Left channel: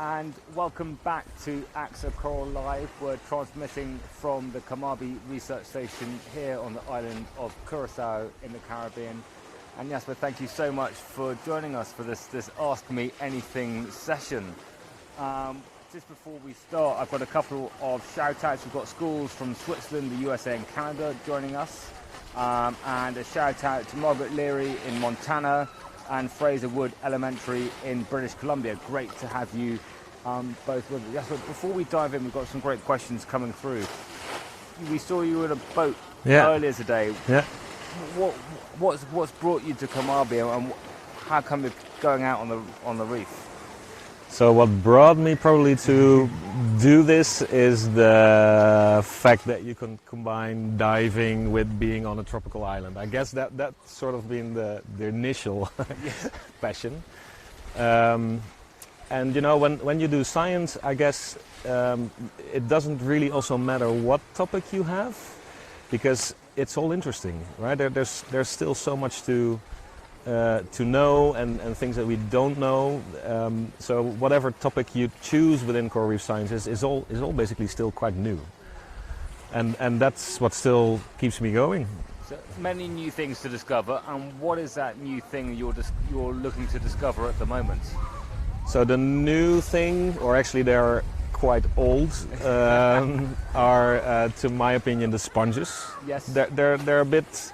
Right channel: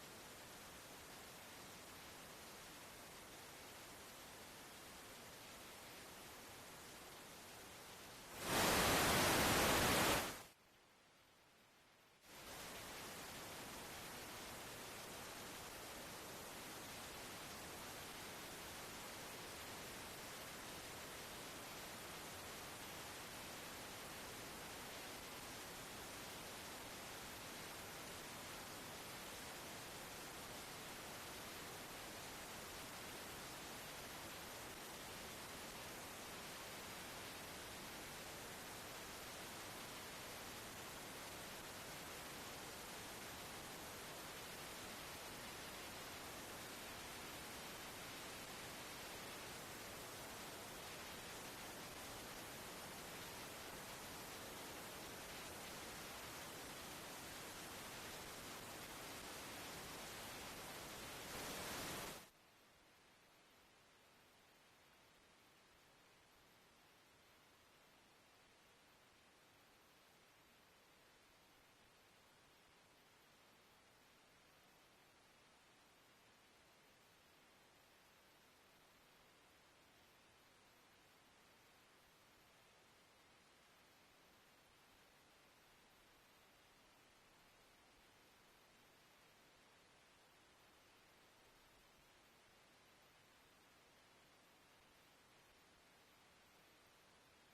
and welcome back to AXA Coral Live. We're transmitting from the Kamabi Research Station here on the island of Curacao in the Caribbean. And Jasper, thank you so much for joining us for this Ask Me Anything session. Just before we start, I've got a couple of shout-outs. We've got schools from Switzerland, the USA and Canada joining us. And a shout-out to Margaret Leary in Montana and Fraser Wood Elementary in British Columbia. Great to have you both with us. Jasper, before we dive in, we've got some great questions coming through. We saw you in a boat earlier today. Yeah. What's brought you to Kamabi, and how come you're going out on the reef? So what brought me probably to do this is the fact that you can combine diving with being on a tropical island. I guess that's sort of been the initial passion. And you know, when you do science, I guess it doesn't really also matter what topic you have, because it's all interesting, right? There's still so much to know and things that we don't know. So whatever topic you choose within coral reef sciences is all basically still quite new, and that's what still keeps me going. So many new things to discover, and what is that new thing you're looking to discover at the moment? So the new thing, or actually they're quite old, are to my opinion the sponges. Yes. They're a bit,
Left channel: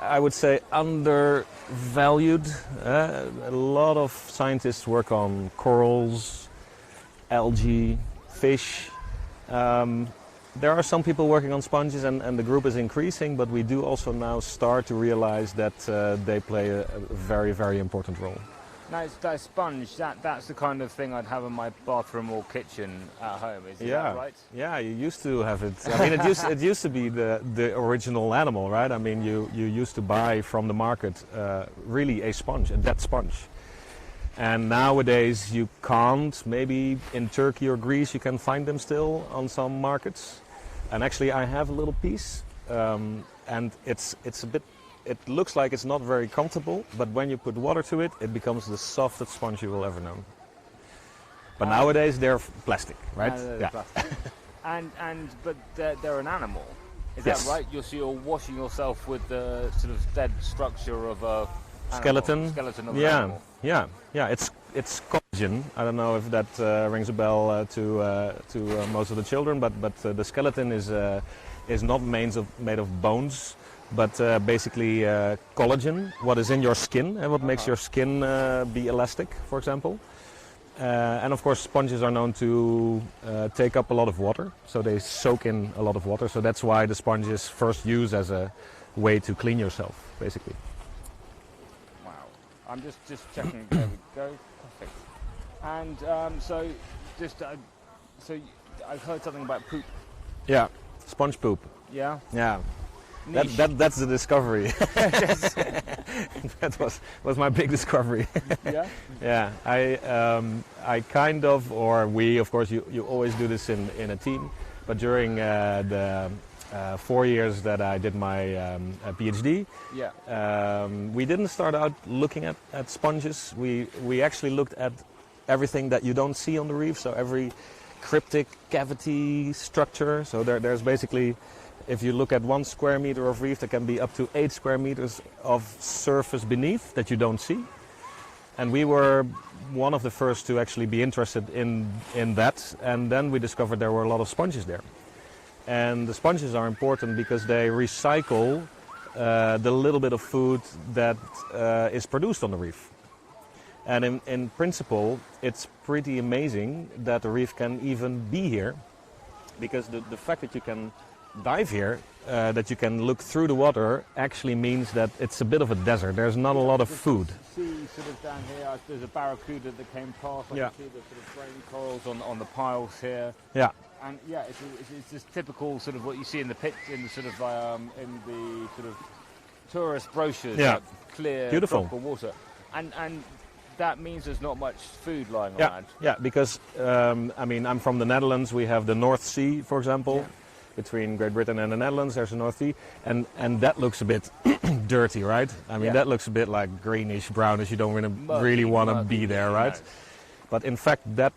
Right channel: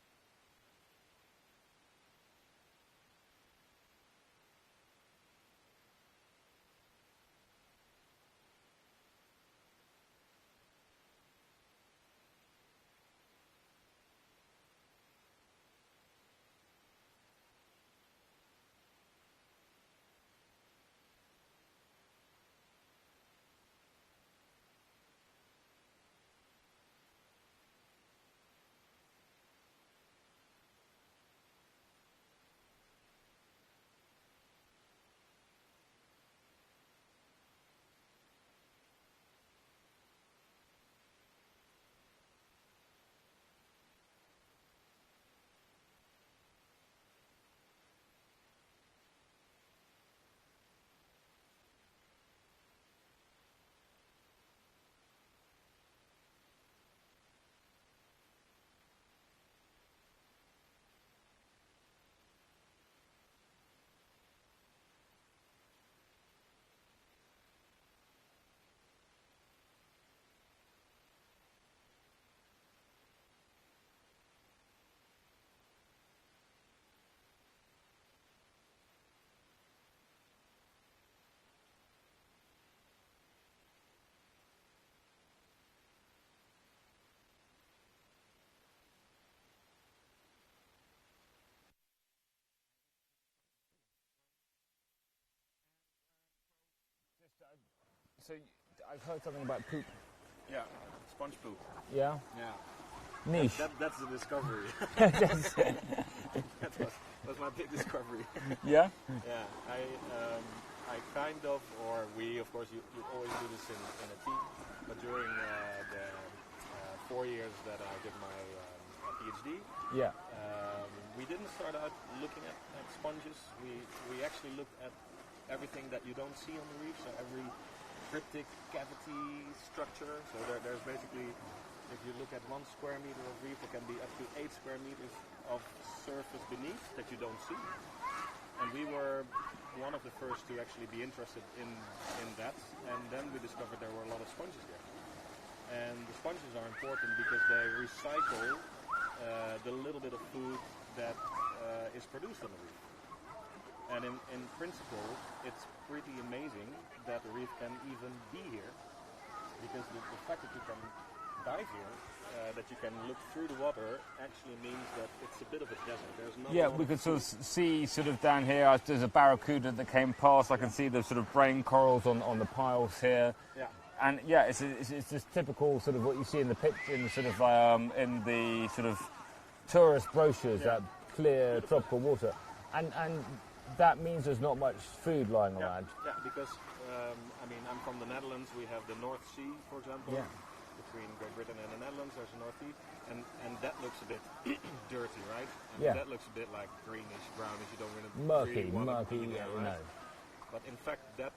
I would say, undervalued. A lot of scientists work on corals, algae, fish. There are some people working on sponges, and the group is increasing, but we do also now start to realize that they play a very, very important role. Now, that sponge, that's the kind of thing I'd have in my bathroom or kitchen at home, is that right? Yeah, you used to have it. I mean, it used to be the original animal, right? I mean, you used to buy from the market really a sponge, a dead sponge. And nowadays you can't. Maybe in Turkey or Greece you can find them still on some markets. And actually I have a little piece, and it's a bit. It looks like it's not very comfortable, but when you put water to it, it becomes the softest sponge you will ever know. But nowadays they're plastic, right? Yeah. Plastic. But they're an animal. Is that right? You're washing yourself with the sort of dead structure of a skeleton of an animal. Yeah. It's collagen. I don't know if that rings a bell to most of the children, but the skeleton is not made of bones, but basically collagen, what is in your skin and what makes your skin be elastic, for example. And of course sponges are known to take up a lot of water, so they soak in a lot of water, so that's why the sponge is first used as a way to clean yourself, basically. Wow, I'm just checking. There we go, perfect. And so I've heard something about poop. Yeah, sponge poop. Yeah? Yeah. That's the discovery. That was my big discovery. Yeah? Yeah, I kind of, or we, of course, you always do this in a team, but during the 4 years that I did my PhD, we didn't start out looking at sponges. We actually looked at everything that you don't see on the reef, so every cryptic cavity structure. So there's basically, if you look at 1 square meter of reef, there can be up to 8 square meters of surface beneath that you don't see. And we were one of the first to actually be interested in that. And then we discovered there were a lot of sponges there. And the sponges are important because they recycle the little bit of food that is produced on the reef. And in principle, it's pretty amazing that the reef can even be here, because the fact that you can dive here, that you can look through the water, actually means that it's a bit of a desert. There's not a lot of food. See sort of down here, there's a barracuda that came past. I can see the sort of brain corals on the piles here. Yeah. And yeah, it's this typical sort of what you see in the sort of tourist brochures. Yeah. Like clear, beautiful tropical water, and that means there's not much food lying around. Yeah, because I mean, I'm from the Netherlands. We have the North Sea, for example. Yeah. Between Great Britain and the Netherlands, there's the North Sea, and that looks a bit dirty, right? I mean, that looks a bit like greenish, brownish. You don't really want to be there, right? No. But in fact, that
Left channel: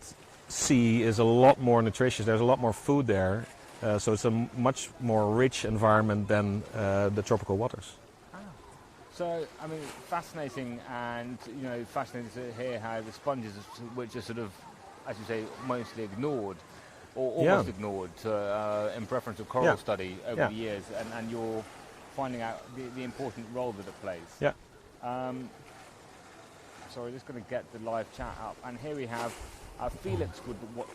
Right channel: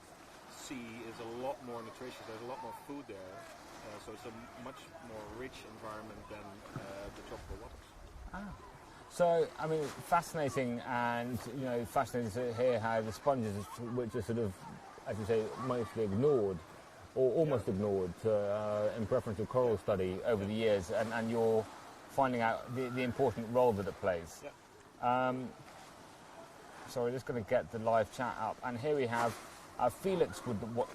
sea is a lot more nutritious. There's a lot more food there, so it's a much more rich environment than the tropical waters. So, I mean, fascinating, and fascinating to hear how the sponges, which are sort of, as you say, mostly ignored, or almost ignored, in preference to coral study over the years, and you're finding out the important role that it plays. Yeah. So we're just going to get the live chat up, and here we have Felix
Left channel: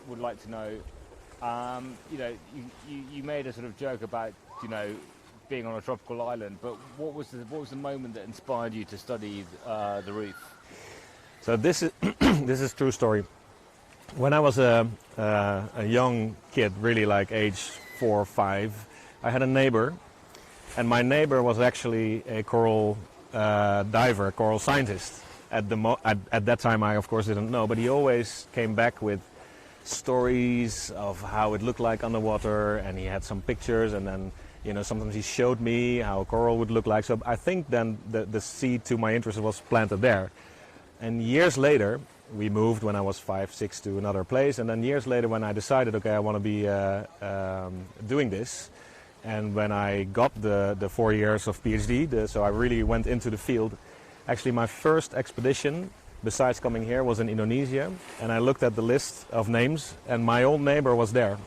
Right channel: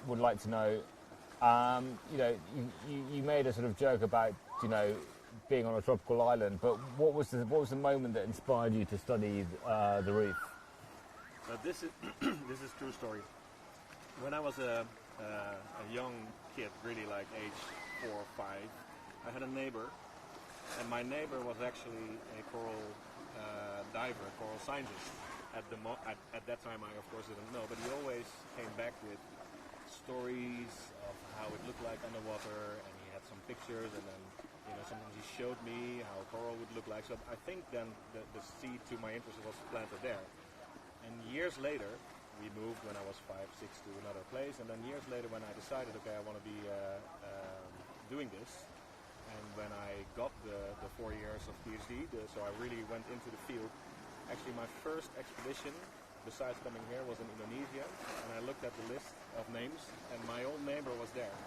would like to know. You made a sort of joke about being on a tropical island, but what was the moment that inspired you to study the reef? So this is this is true story. When I was a young kid, really like age 4 or 5, I had a neighbor, and my neighbor was actually a coral diver, coral scientist. At that time, I of course didn't know, but he always came back with stories of how it looked like underwater, and he had some pictures, and then sometimes he showed me how a coral would look like. So I think then the seed to my interest was planted there. And years later, we moved when I was 5, 6 to another place, and then years later when I decided, okay, I want to be doing this, and when I got the 4 years of PhD, so I really went into the field. Actually, my first expedition, besides coming here, was in Indonesia, and I looked at the list of names, and my old neighbor was there.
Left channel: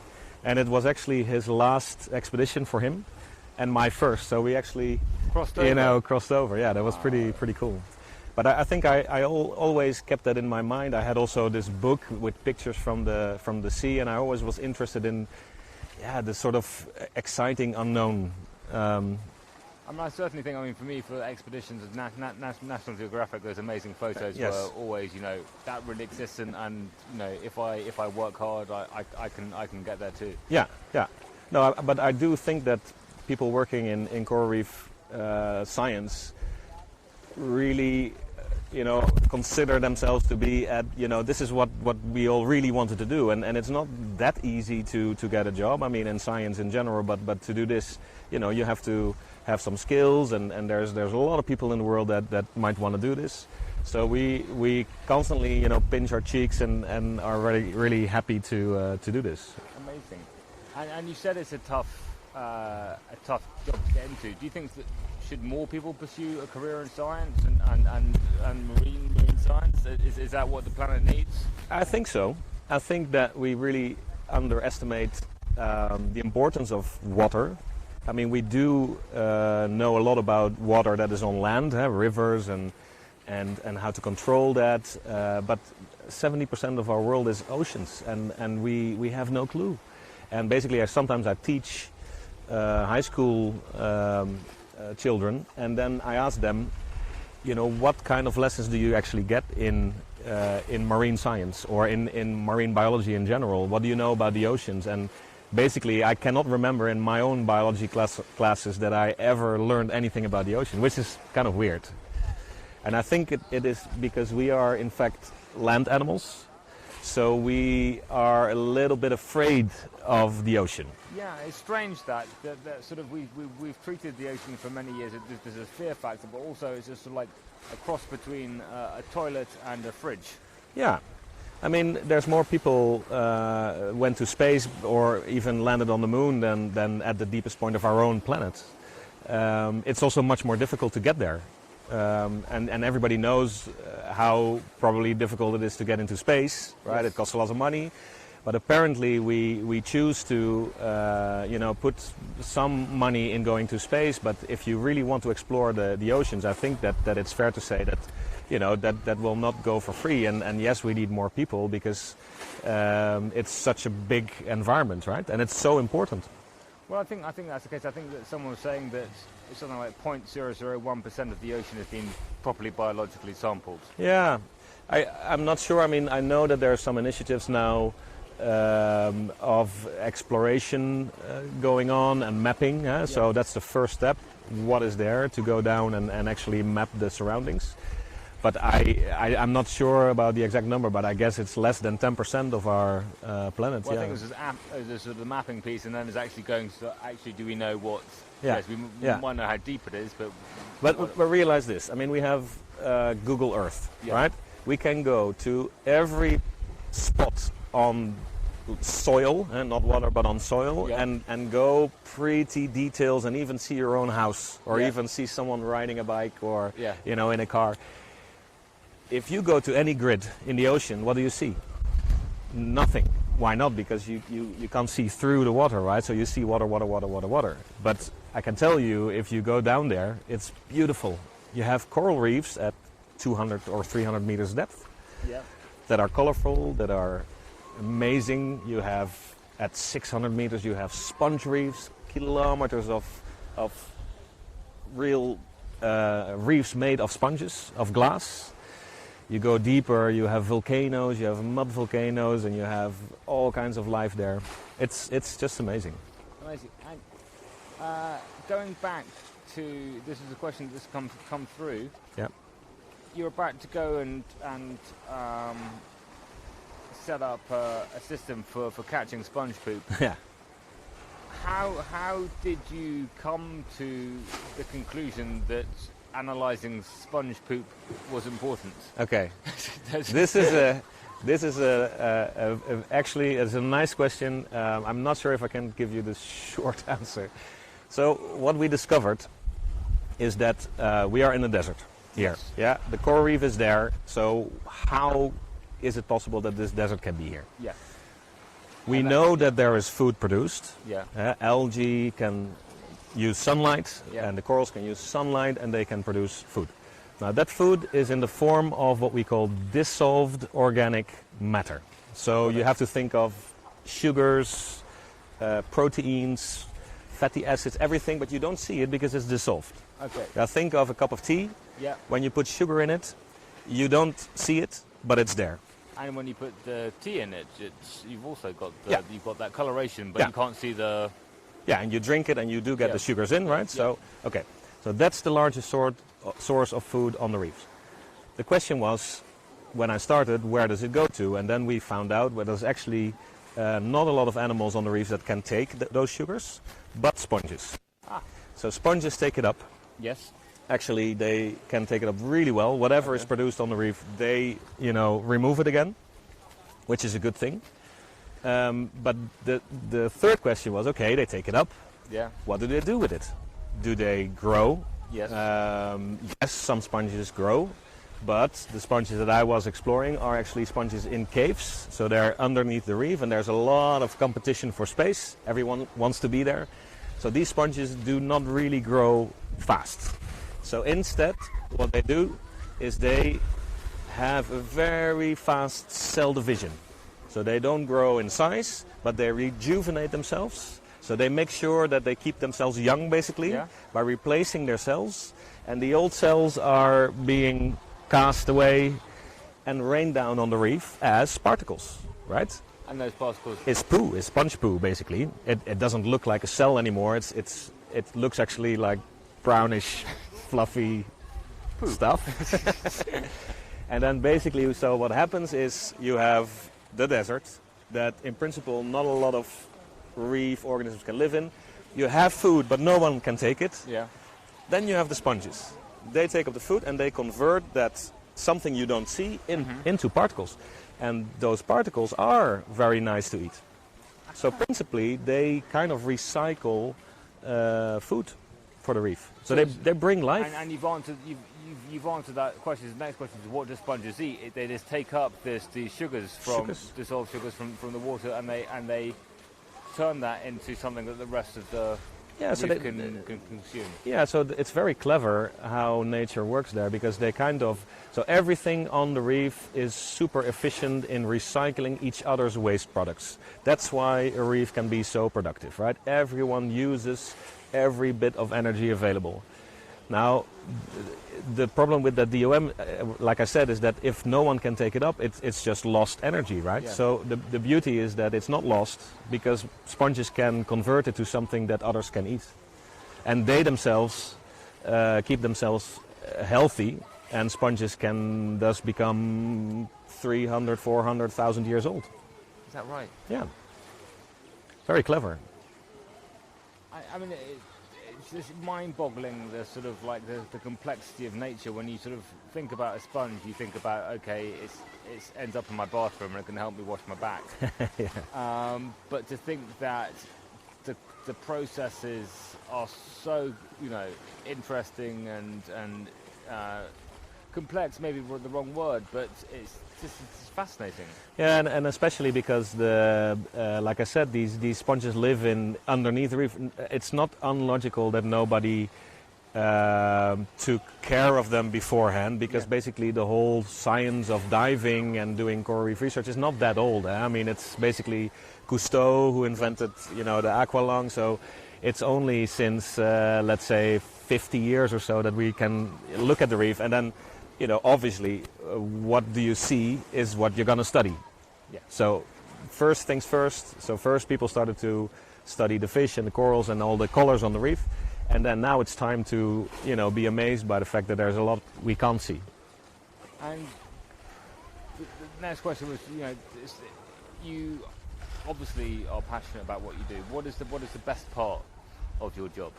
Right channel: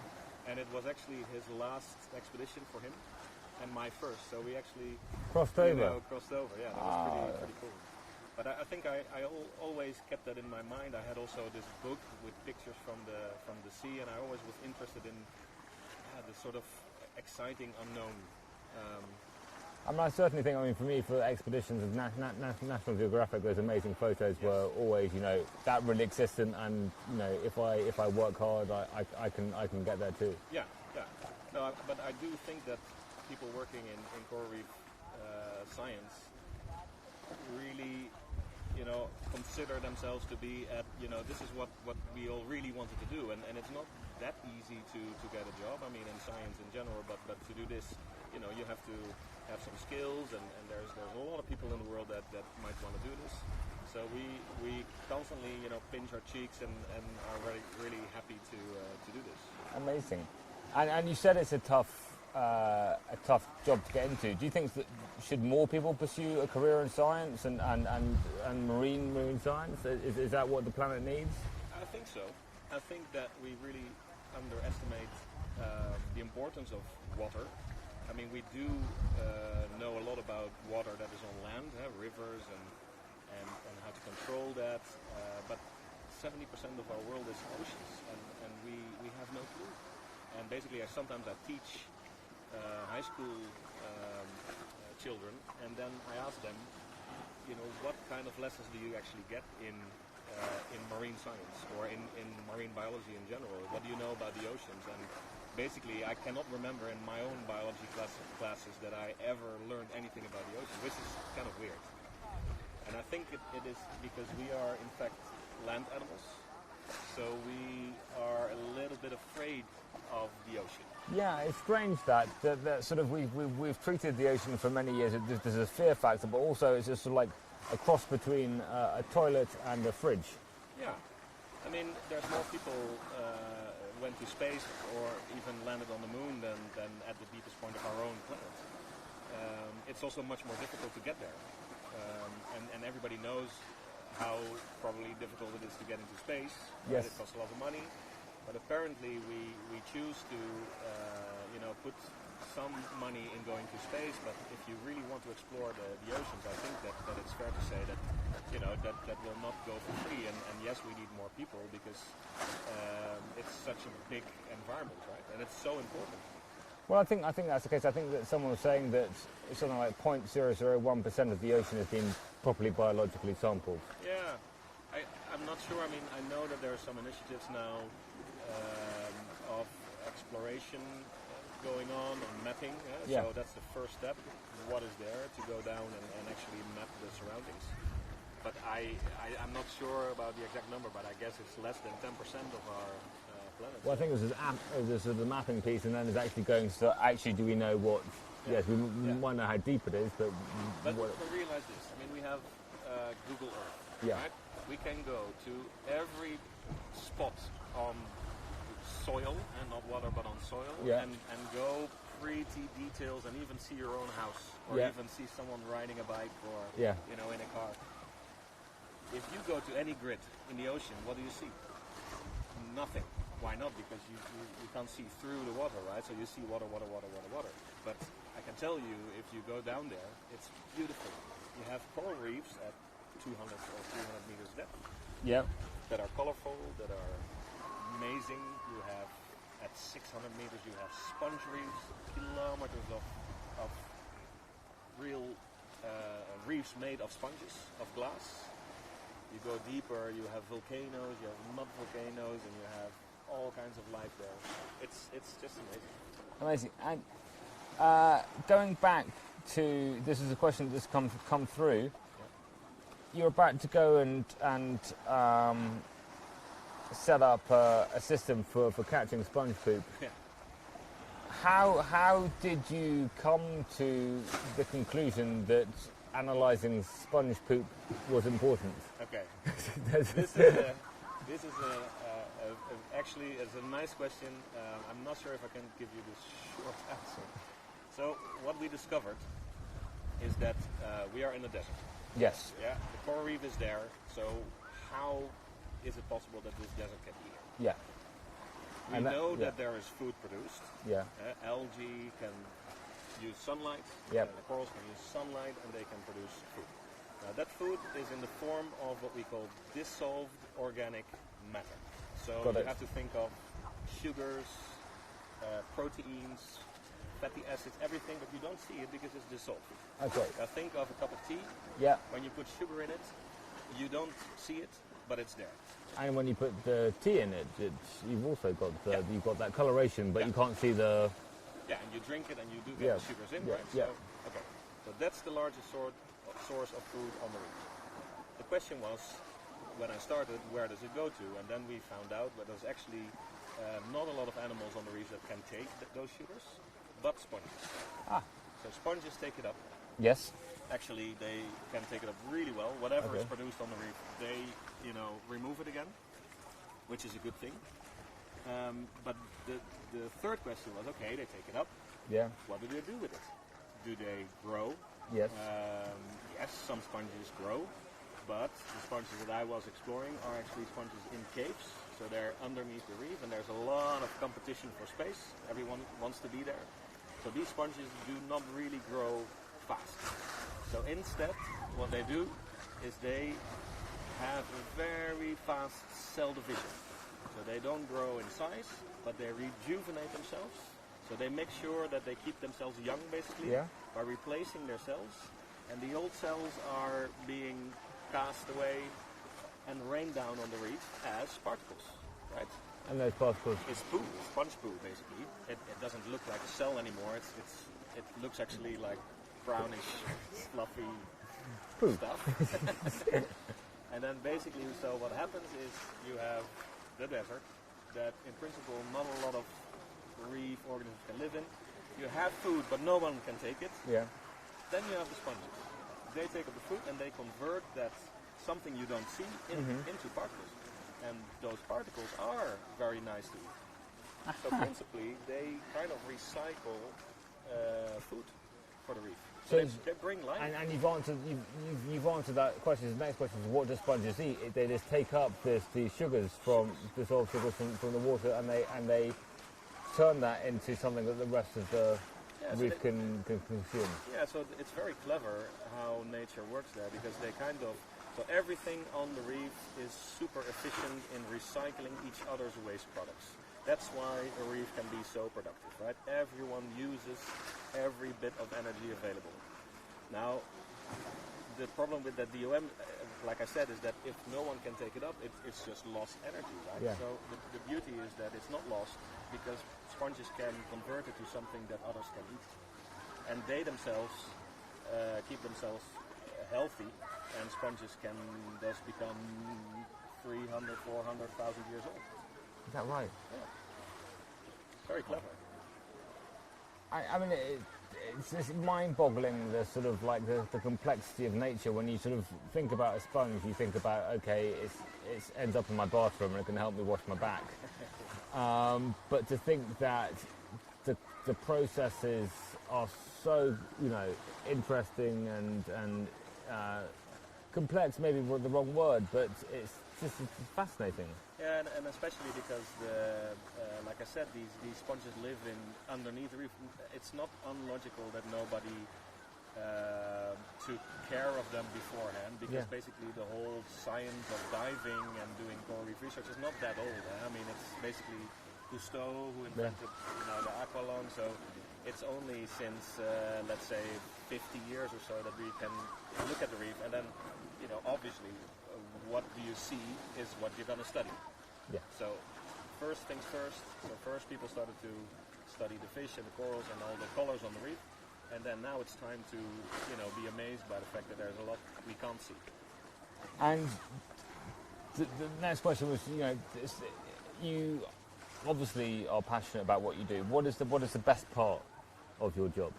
And it was actually his last expedition for him, and my first. So we actually crossed over. Yeah, that was pretty cool. But I think I always kept that in my mind. I had also this book with pictures from the sea, and I always was interested in the sort of exciting unknown. I certainly think, for me, for expeditions of National Geographic, those amazing photos were always, that really exists, and if I work hard, I can get there too. Yeah. No, but I do think that people working in coral reef science really, consider themselves to be at, this is what we all really wanted to do, and it's not that easy to get a job. In science in general, but to do this, you have to have some skills, and there's a lot of people in the world that might want to do this. So we constantly pinch our cheeks and are really happy to do this. Amazing. And you said it's a tough job to get into. Do you think that should more people pursue a career in science and marine science? Is that what the planet needs? I think so. I think that we really underestimate the importance of water. We do know a lot about water that is on land, rivers and how to control that, but 70% of our world is oceans, and we have no clue. And basically, sometimes I teach high school children, and then I ask them, what kind of lessons do you actually get in marine science or in marine biology in general? What do you know about the oceans? And basically, I cannot remember in my own biology classes that I ever learned anything about the ocean, which is kind of weird. And I think it is because we are, in fact, land animals, so we are a little bit afraid of the ocean. Yeah, it's strange that sort of we've treated the ocean for many years. There's a fear factor, but also it's just sort of like a cross between a toilet and a fridge. Yeah. There's more people went to space or even landed on the moon than at the deepest point of our own planet. It's also much more difficult to get there. And everybody knows how probably difficult it is to get into space, right? Yes. It costs a lot of money. But apparently we choose to put some money in going to space. But if you really want to explore the oceans, I think that it's fair to say that that will not go for free, and yes, we need more people because it's such a big environment, right? And it's so important. Well, I think that's the case. I think that someone was saying that something like 0.001% of the ocean has been properly biologically sampled. Yeah, I'm not sure. I know that there are some initiatives now of exploration going on and mapping. So that's the first step. What is there to go down and actually map the surroundings? But I'm not sure about the exact number, but I guess it's less than 10% of our planet. Well, I think there's the mapping piece, and then there's actually going to do we know what? Yeah. Yes, we might know how deep it is, but realize this. We have Google Earth, right? We can go to every spot on soil, not water, but on soil, Yeah. and go pretty details, and even see your own house, or Yeah. even see someone riding a bike, or Yeah. in a car. If you go to any grid in the ocean, what do you see? Nothing. Why not? Because you can't see through the water, right? So you see water, water, water, water, water. But I can tell you, if you go down there, it's beautiful. You have coral reefs at 200 or 300 meters depth Yeah. that are colorful, that are amazing. You have, at 600 meters, you have sponge reefs, kilometers of real reefs made of sponges, of glass. You go deeper, you have volcanoes, you have mud volcanoes, and you have all kinds of life there. It's just amazing. Amazing. And going back to, this is a question that's come through. Yeah. You're about to go and set up a system for catching sponge poop. Yeah. How did you come to the conclusion that analysing sponge poop was important? Okay. This is actually it's a nice question. I'm not sure if I can give you the short answer. So what we discovered is that we are in the desert here. Yes. Yeah. The coral reef is there. So how is it possible that this desert can be here? Yeah. We And know that there is food produced. Yeah. Algae can use sunlight, Yeah. and the corals can use sunlight, and they can produce food. Now that food is in the form of what we call dissolved organic matter. So you have to think of sugars, proteins, fatty acids, everything, but you don't see it because it's dissolved. Okay. Now think of a cup of tea. Yeah. When you put sugar in it, you don't see it, but it's there. And when you put the tea in it, you've also got Yeah. you've got that coloration, but Yeah. you can't see the. Yeah, and you drink it and you do get Yeah. the sugars in, right? Yeah. So, okay. So that's the largest source of food on the reefs. The question was, when I started, where does it go to? And then we found out where there's actually not a lot of animals on the reefs that can take those sugars, but sponges. Ah. So sponges take it up. Yes. Actually, they can take it up really well. Whatever is Okay. produced on the reef, they, remove it again, which is a good thing. But the third question was, okay, they take it up. Yeah. What do they do with it? Do they grow? Yes. Yes, some sponges grow, but the sponges that I was exploring are actually sponges in caves. So they're underneath the reef, and there's a lot of competition for space. Everyone wants to be there. So these sponges do not really grow fast. So instead, what they do is they have a very fast cell division. So they don't grow in size, but they rejuvenate themselves. So they make sure that they keep themselves young, basically, Yeah. by replacing their cells. And the old cells are being cast away and rained down on the reef as particles, right? And those particles. It's poo, it's sponge poo, basically. It doesn't look like a cell anymore. It looks actually like brownish, fluffy stuff. And then basically, so what happens is you have the desert that in principle not a lot of reef organisms can live in. You have food, but no one can take it. Yeah. Then you have the sponges. They take up the food and they convert that something you don't see into particles. And those particles are very nice to eat. So principally, they kind of recycle food for the reef. So they bring life. And you've answered that question. The next question is, what do sponges eat? They just take up the sugars from dissolved sugars from the water, and they turn that into something that the rest of the reef can consume. Yeah, so it's very clever how nature works there, because they so everything on the reef is super efficient in recycling each other's waste products. That's why a reef can be so productive, right? Everyone uses every bit of energy available. Now, the problem with the DOM, like I said, is that if no one can take it up, it's just lost energy, right? Yeah. So the beauty is that it's not lost, because sponges can convert it to something that others can eat. And they themselves keep themselves healthy, and sponges can thus become 300, 400,000 years old. Is that right? Yeah. Very clever. I mean, it's just mind-boggling, the sort of like the complexity of nature. When you sort of think about a sponge, you think about, okay, it ends up in my bathroom and it can help me wash my back. Yeah. But to think that the processes are so, interesting and complex, maybe the wrong word, but it's fascinating. Yeah, and especially because like I said, these sponges live underneath the reef. It's not unlogical that nobody took care of them beforehand, because basically the whole science of diving and doing coral reef research is not that old. I mean, it's basically Cousteau who invented, the aqualung. So it's only since, let's say, 50 years or so that we can look at the reef, and then, obviously, what do you see is what you're going to study. Yeah. So first things first. So first people started to study the fish and the corals and all the colors on the reef. And then now it's time to, be amazed by the fact that there's a lot we can't see. And the next question was, you obviously are passionate about what you do. What is the best part of your job?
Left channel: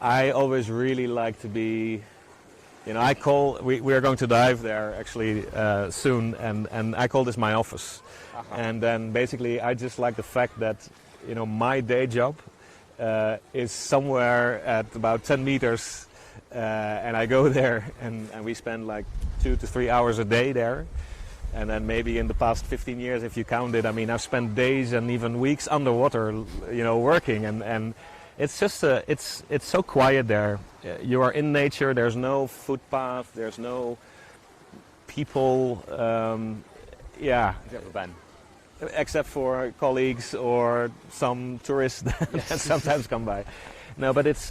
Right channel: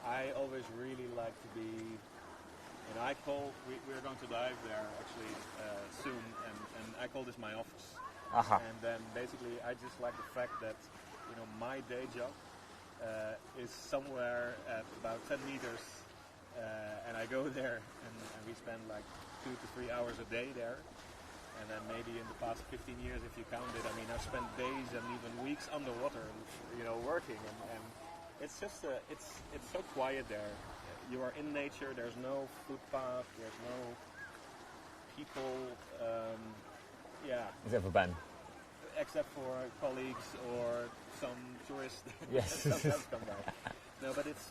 I always really like to be, we are going to dive there actually soon, and I call this my office. Uh-huh. And then basically I just like the fact that, my day job is somewhere at about 10 meters, and I go there and we spend like 2 to 3 hours a day there. And then maybe in the past 15 years, if you count it, I mean, I've spent days and even weeks underwater, working, and it's just it's so quiet there. You are in nature. There's no footpath. There's no people. Except for Ben. Except for colleagues or some tourists that sometimes come by. No, but it's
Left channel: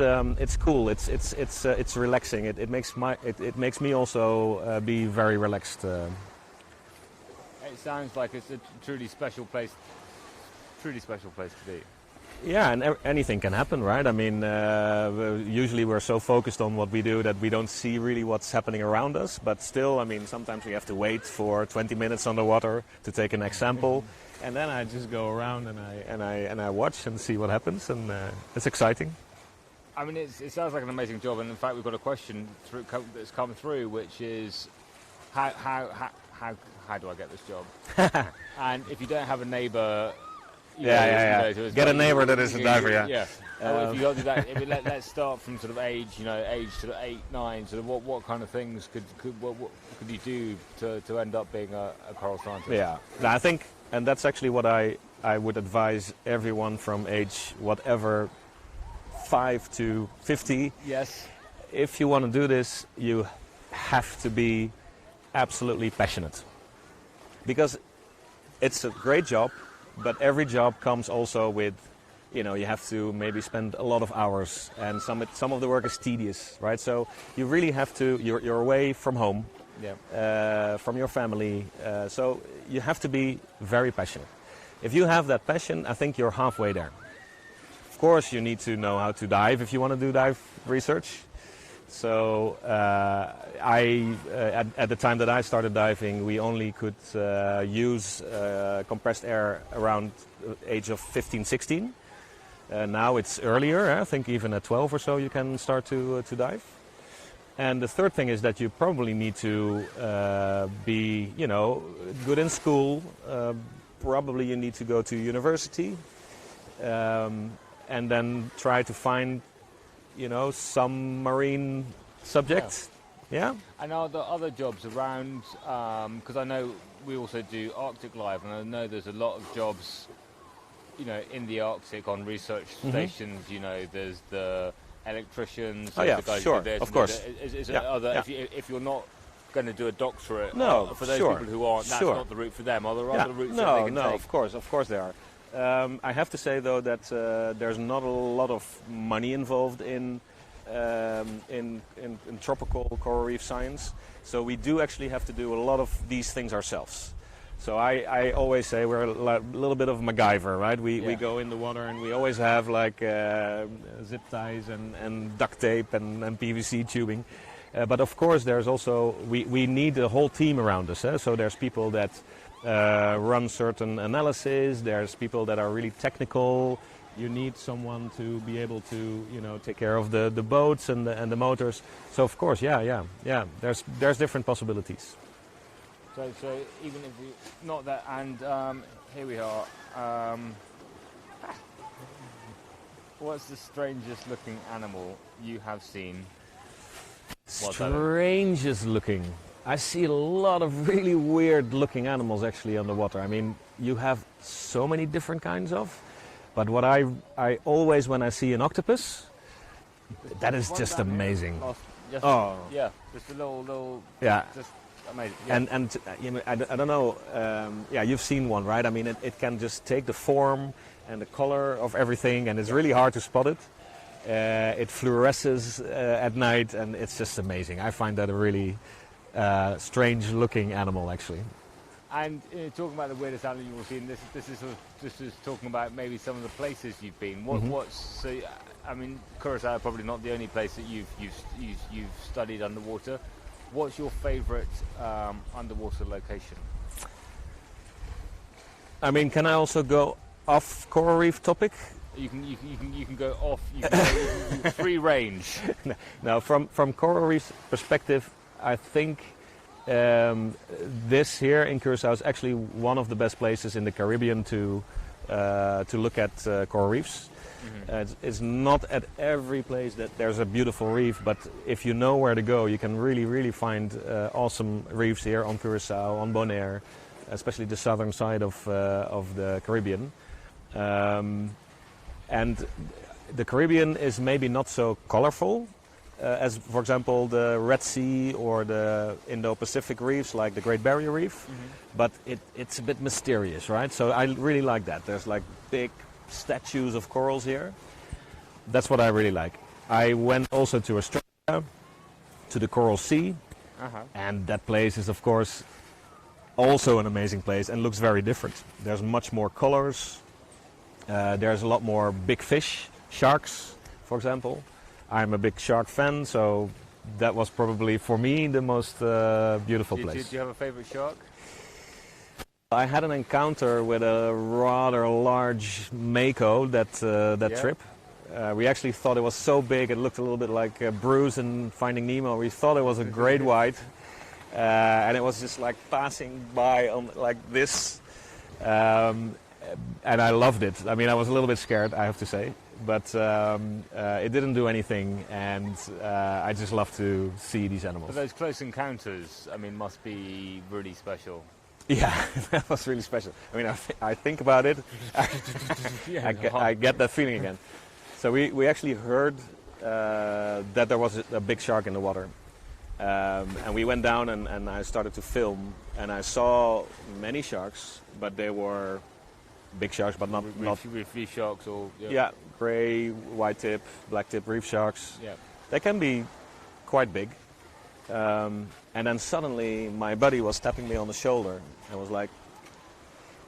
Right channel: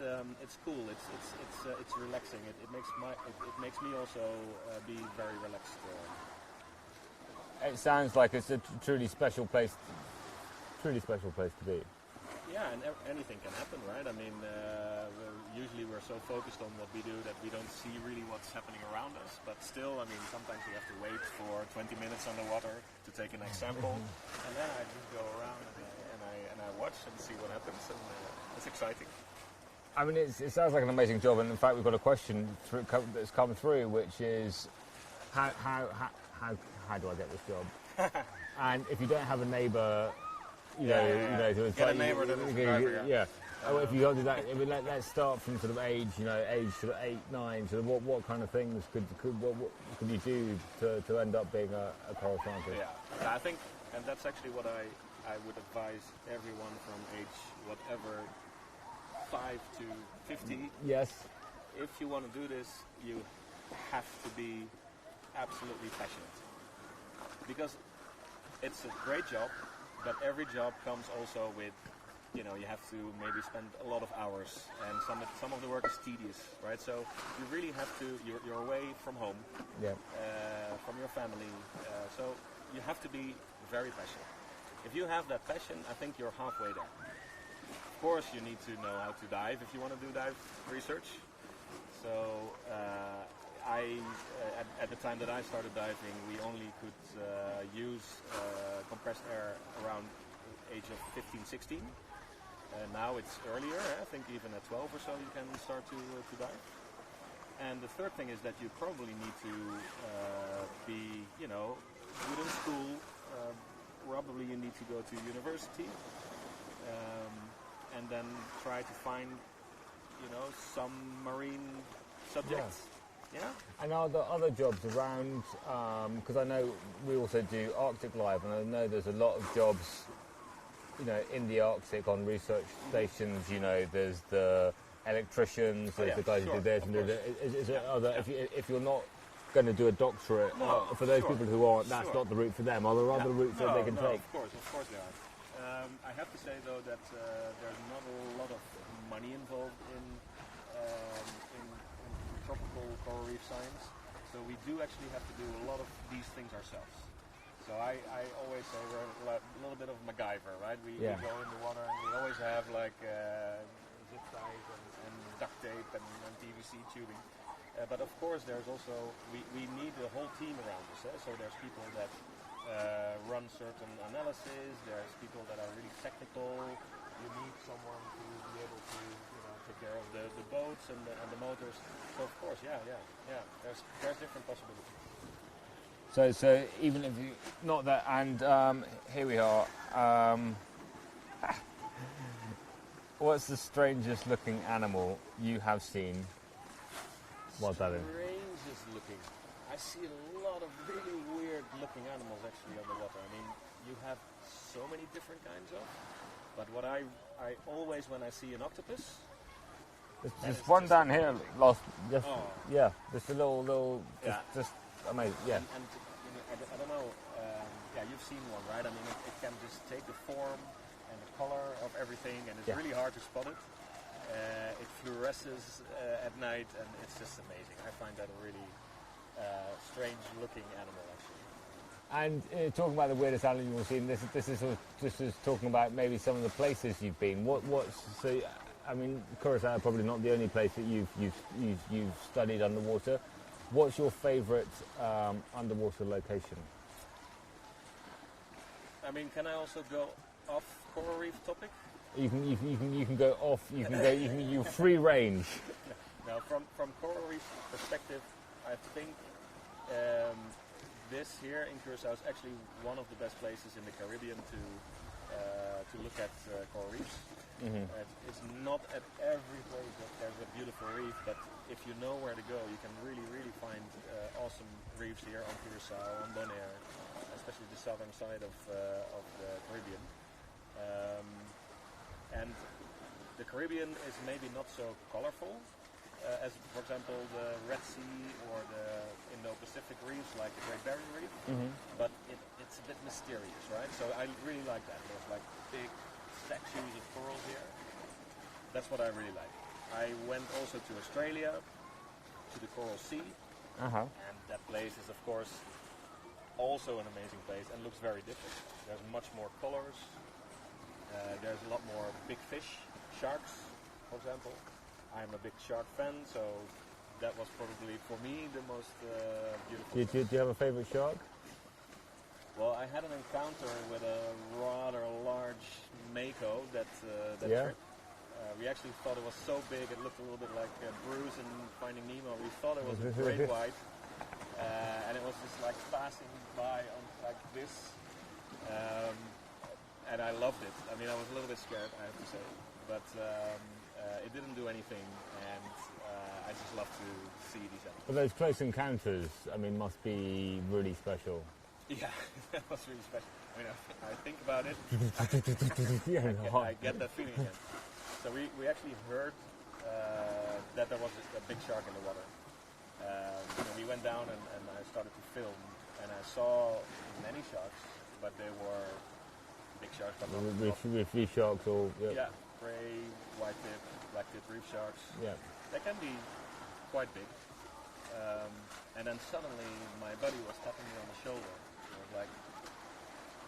cool. It's relaxing. It makes me also be very relaxed. It sounds like it's a truly special place to be. Yeah, and anything can happen, right? I mean, usually we're so focused on what we do that we don't see really what's happening around us. But still, I mean, sometimes we have to wait for 20 minutes underwater to take an example, and then I just go around and I watch and see what happens, and it's exciting. I mean, it sounds like an amazing job, and in fact, we've got a question that's come through, which is, how do I get this job? And if you don't have a neighbour, get a neighbour that is a diver. Yeah. If you don't do that, let's start from sort of age sort of 8, 9. Sort of what kind of things could you do to end up being a coral scientist? Yeah, I think, and that's actually what I would advise everyone from age whatever, 5 to 50. Yes. If you want to do this, you have to be absolutely passionate, because it's a great job, but every job comes also with, you have to maybe spend a lot of hours, and some of the work is tedious, right? So you really have to, you're away from home, from your family, so you have to be very passionate. If you have that passion, I think you're halfway there. Of course, you need to know how to dive if you want to do dive research. So at the time that I started diving, we only could use compressed air around the age of 15, 16. Now it's earlier. I think even at 12 or so you can start to dive. And the third thing is that you probably need to be, good in school. Probably you need to go to university, and then try to find, some marine subjects. Yeah. And are there other jobs around? Because I know we also do Arctic Live, and I know there's a lot of jobs, in the Arctic on research stations. There's the electricians. Oh yeah, the guys sure, who do this, of course. If you're not going to do a doctorate, no, for those sure, people who aren't, that's sure. not the route for them. Are there other routes that they can take? Of course there are. I have to say though that there's not a lot of money involved in tropical coral reef science, so we do actually have to do a lot of these things ourselves. So I always say we're a little bit of MacGyver, right? We go in the water and we always have like zip ties and duct tape and PVC tubing. But of course there's also, we need a whole team around us. So there's people that run certain analysis, there's people that are really technical, You need someone to be able to, take care of the boats and the motors. So of course, yeah. There's different possibilities. So even if you not that, and here we are. What's the strangest looking animal you have seen? Strangest looking. I see a lot of really weird looking animals actually underwater. I mean, you have so many different kinds of. But what I always, when I see an octopus, that is just amazing. Yeah, just a little. Yeah, just amazing. Yeah. And I don't know. Yeah, you've seen one, right? I mean, it can just take the form and the color of everything, and it's really hard to spot it. It fluoresces at night, and it's just amazing. I find that a really strange-looking animal, actually. And talking about the weirdest animal you've seen, this is talking about maybe some of the places you've been. I mean, Curacao probably not the only place that you've studied underwater. What's your favourite underwater location? I mean, can I also go off coral reef topic? You can go off. You can free range. No, from coral reef perspective, I think this here in Curacao is actually one of the best places in the Caribbean to look at coral reefs. Mm-hmm. It's not at every place that there's a beautiful reef, but if you know where to go, you can really find awesome reefs here on Curacao, on Bonaire, especially the southern side of the Caribbean. And the Caribbean is maybe not so colorful as, for example, the Red Sea or the Indo-Pacific reefs like the Great Barrier Reef, but it's a bit mysterious, right? So I really like that. There's like big statues of corals here. That's what I really like. I went also to Australia, to the Coral Sea, and that place is, of course, also an amazing place and looks very different. There's much more colors. There's a lot more big fish, sharks, for example. I'm a big shark fan, so that was probably, for me, the most beautiful place. Did you have a favorite shark? Well, I had an encounter with a rather large mako that trip. We actually thought it was so big, it looked a little bit like Bruce in Finding Nemo. We thought it was a great white, and it was just like passing by on like this. And I loved it. I mean, I was a little bit scared, I have to say, but it didn't do anything, and I just love to see these animals. But those close encounters, I mean, must be really special. Yeah, that was really special. I mean, I think about it, I get that feeling again. So we actually heard that there was a big shark in the water, and we went down and I started to film, and I saw many sharks, but they were big sharks, but not reef sharks or grey, white tip, black tip reef sharks. Yeah, they can be quite big. And then suddenly my buddy was tapping me on the shoulder and was like,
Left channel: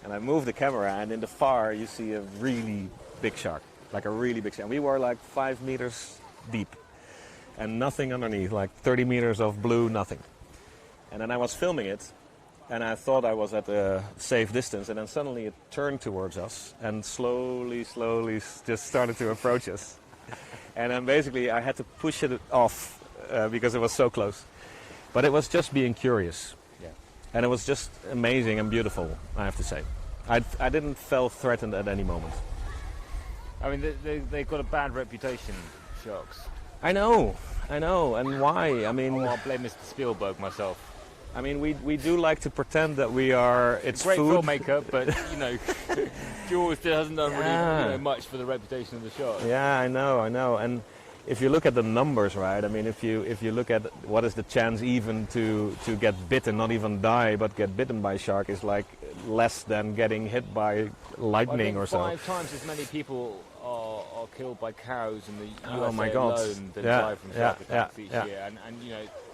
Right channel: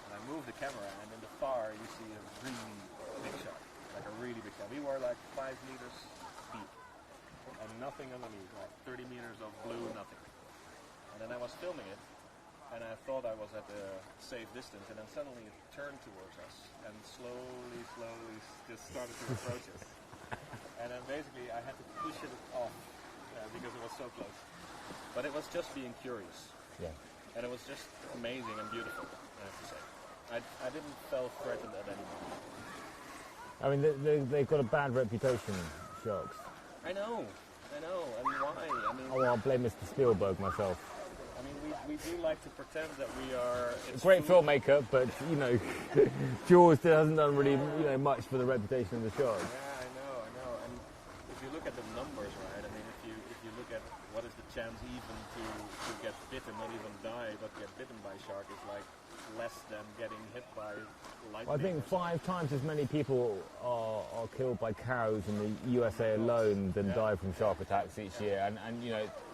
and I moved the camera, and in the far you see a really big shark, like a really big shark. We were like 5 meters deep and nothing underneath, like 30 meters of blue, nothing. And then I was filming it, and I thought I was at a safe distance, and then suddenly it turned towards us and slowly just started to approach us. And then basically I had to push it off because it was so close. But it was just being curious. Yeah. And it was just amazing and beautiful, I have to say. I didn't feel threatened at any moment. I mean, they've got a bad reputation, sharks. I know, and why? I mean, I'll blame Mr. Spielberg myself. I mean, we do like to pretend that we are. It's great food. filmmaker, but Jaws hasn't done really much for the reputation of the shark. Yeah, I know, and if you look at the numbers, right? I mean, if you look at what is the chance even to get bitten, not even die, but get bitten by a shark, is like less than getting hit by lightning or so. 5 times as many people are killed by cows in the USA God. alone than die from shark attacks each year, and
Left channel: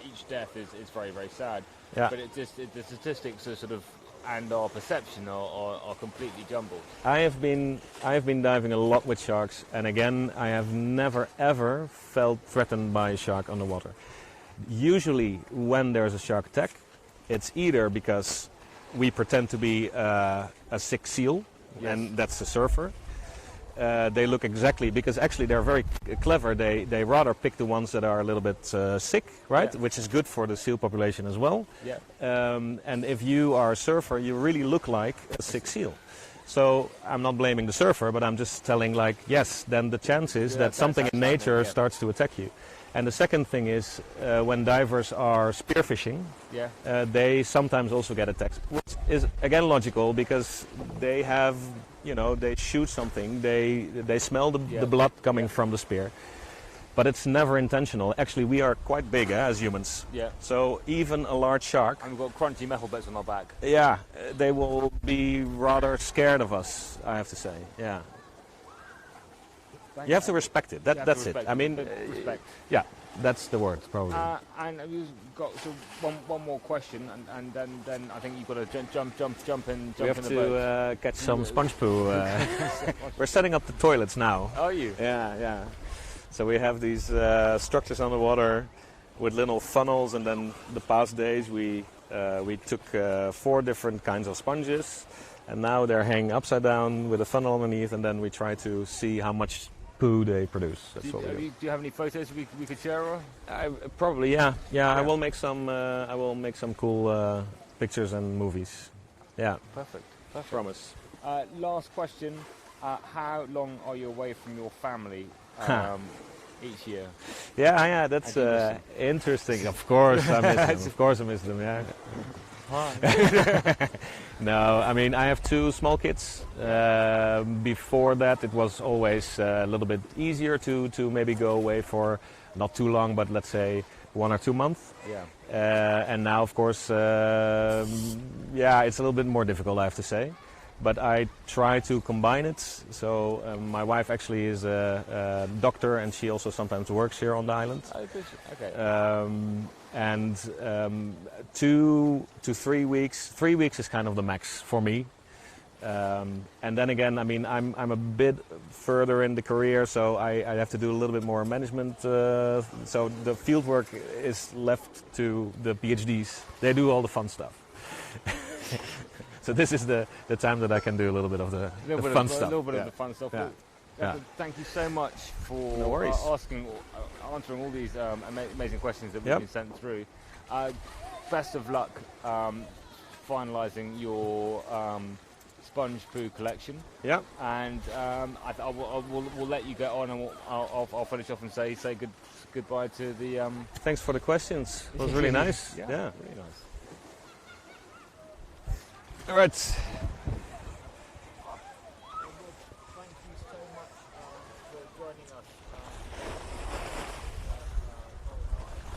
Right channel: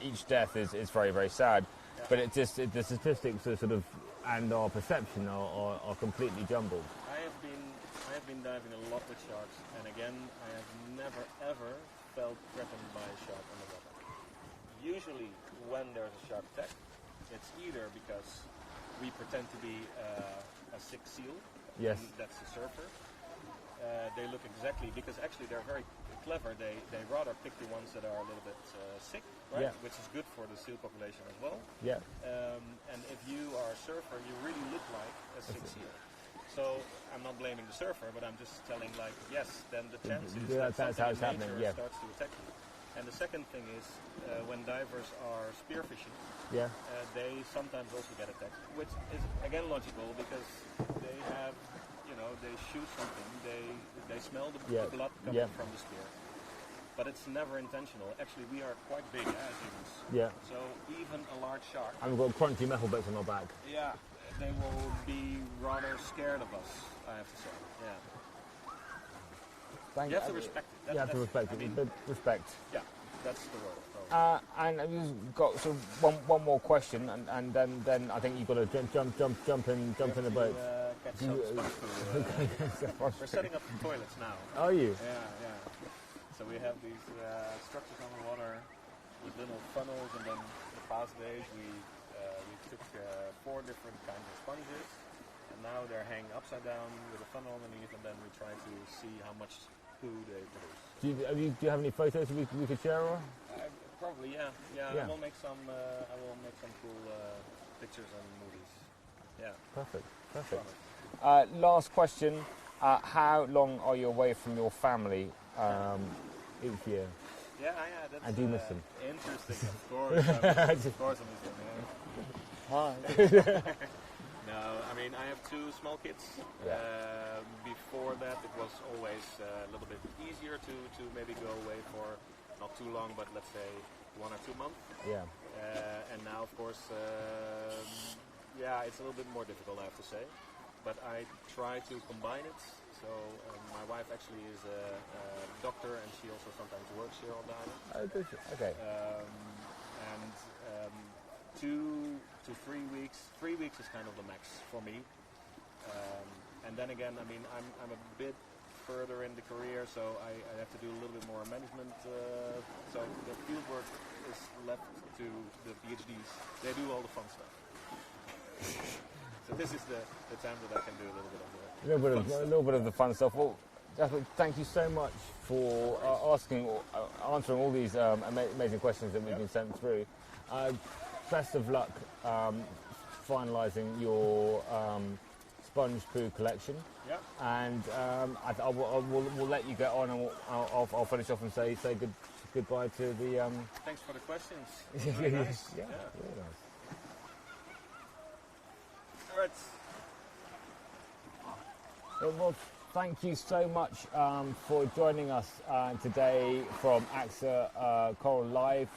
each death is very, very sad. Yeah. But the statistics are sort of, and our perception are completely jumbled. I have been diving a lot with sharks, and again, I have never ever felt threatened by a shark underwater. Usually, when there's a shark attack, it's either because we pretend to be a sick seal, and that's a surfer, they look exactly, because actually they're very clever. They rather pick the ones that are a little bit sick, right? Yeah. Which is good for the seal population as well. Yeah. And if you are a surfer, you really look like a sick seal. So I'm not blaming the surfer, but I'm just telling, like, yes, then the chance is that something in nature starts to attack you. And the second thing is, when divers are spearfishing, Yeah. they sometimes also get attacked, which is again logical, because they have, they shoot something, they smell the blood coming from the spear, but it's never intentional. Actually, we are quite big as humans. Yeah. So even a large shark, And we've got crunchy metal bits on our back. yeah, they will be rather scared of us, I have to say. Yeah. You have to respect it. That's it. I mean, respect. Yeah, that's the word, probably. And we've got one more question, and then I think you've got to jump in We have in the to boat. catch some sponge poo. We're setting up the toilets now. Are you? Yeah. So we have these structures underwater with little funnels, and then the past days we took 4 different kinds of sponges, and now they're hanging upside down with a funnel underneath, and then we try to see how much poo they produce. That's Do what we do. you have any photos we could share? Or? Probably, yeah. I will make some. I will make some cool pictures and movies. Yeah, Perfect. promise. Last question. How long are you away from your family each year? Yeah. That's And do you miss them? interesting. Of course, I miss them. Of course, I miss them. Yeah. No, I mean, I have 2 small kids. Before that, it was always a little bit easier to maybe go away for not too long, but let's say 1 or 2 months. Yeah. And now, of course, it's a little bit more difficult, I have to say. But I try to combine it. So my wife actually is a doctor, and she also sometimes works here on the island. Oh, good. Okay. And 2 to 3 weeks. 3 weeks is kind of the max for me. And then again, I mean, I'm a bit further in the career, so I have to do a little bit more management. So the field work is left to the PhDs. They do all the fun stuff. So this is the time that I can do a little bit of the fun stuff. A little bit of the fun stuff. Yeah. Well, Jasper, thank you so much for answering all these amazing questions that we've been sent through. Best of luck finalising your sponge poo collection. Yeah. And we'll let you get on, and I'll finish off and say goodbye to the. Thanks for the questions. It was really nice. Yeah, really nice. All right. Well, thank you so much for joining us today from AXA Coral Live,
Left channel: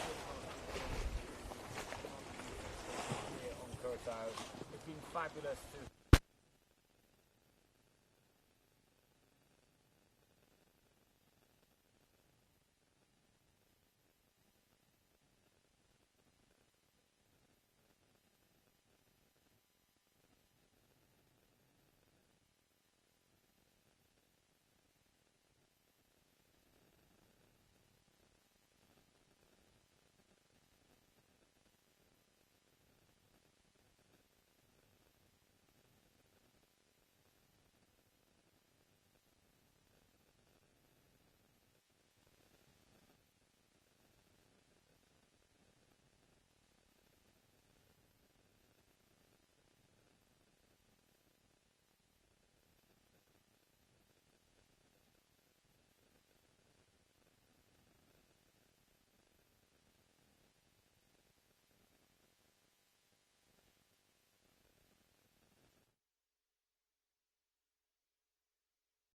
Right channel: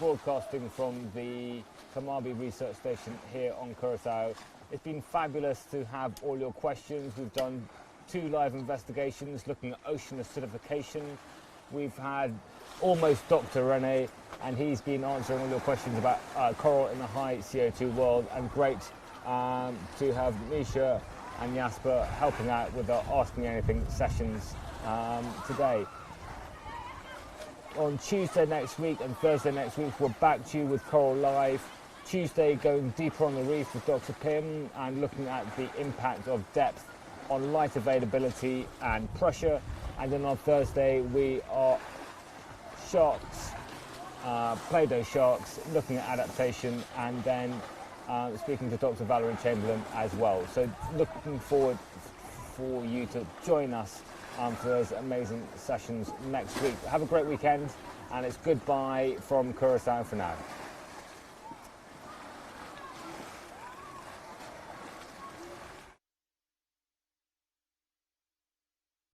broadcasting from the Kamabi Research Station here on Curacao. It's been fabulous to have all your questions. We've done 2 live investigations looking at ocean acidification. We've had almost Dr. Rene, and he's been answering all your questions about coral in the high CO2 world, and great to have Misha and Jasper helping out with our Ask Me Anything sessions today. On Tuesday next week and Thursday next week, we're back to you with Coral Live. Tuesday, going deeper on the reef with Dr. Pim and looking at the impact of depth on light availability and pressure. And then on Thursday, we are sharks, Play-Doh sharks, looking at adaptation, and then speaking to Dr. Valerie Chamberlain as well. So looking forward for you to join us for those amazing sessions next week. Have a great weekend, and it's goodbye from Curacao for now.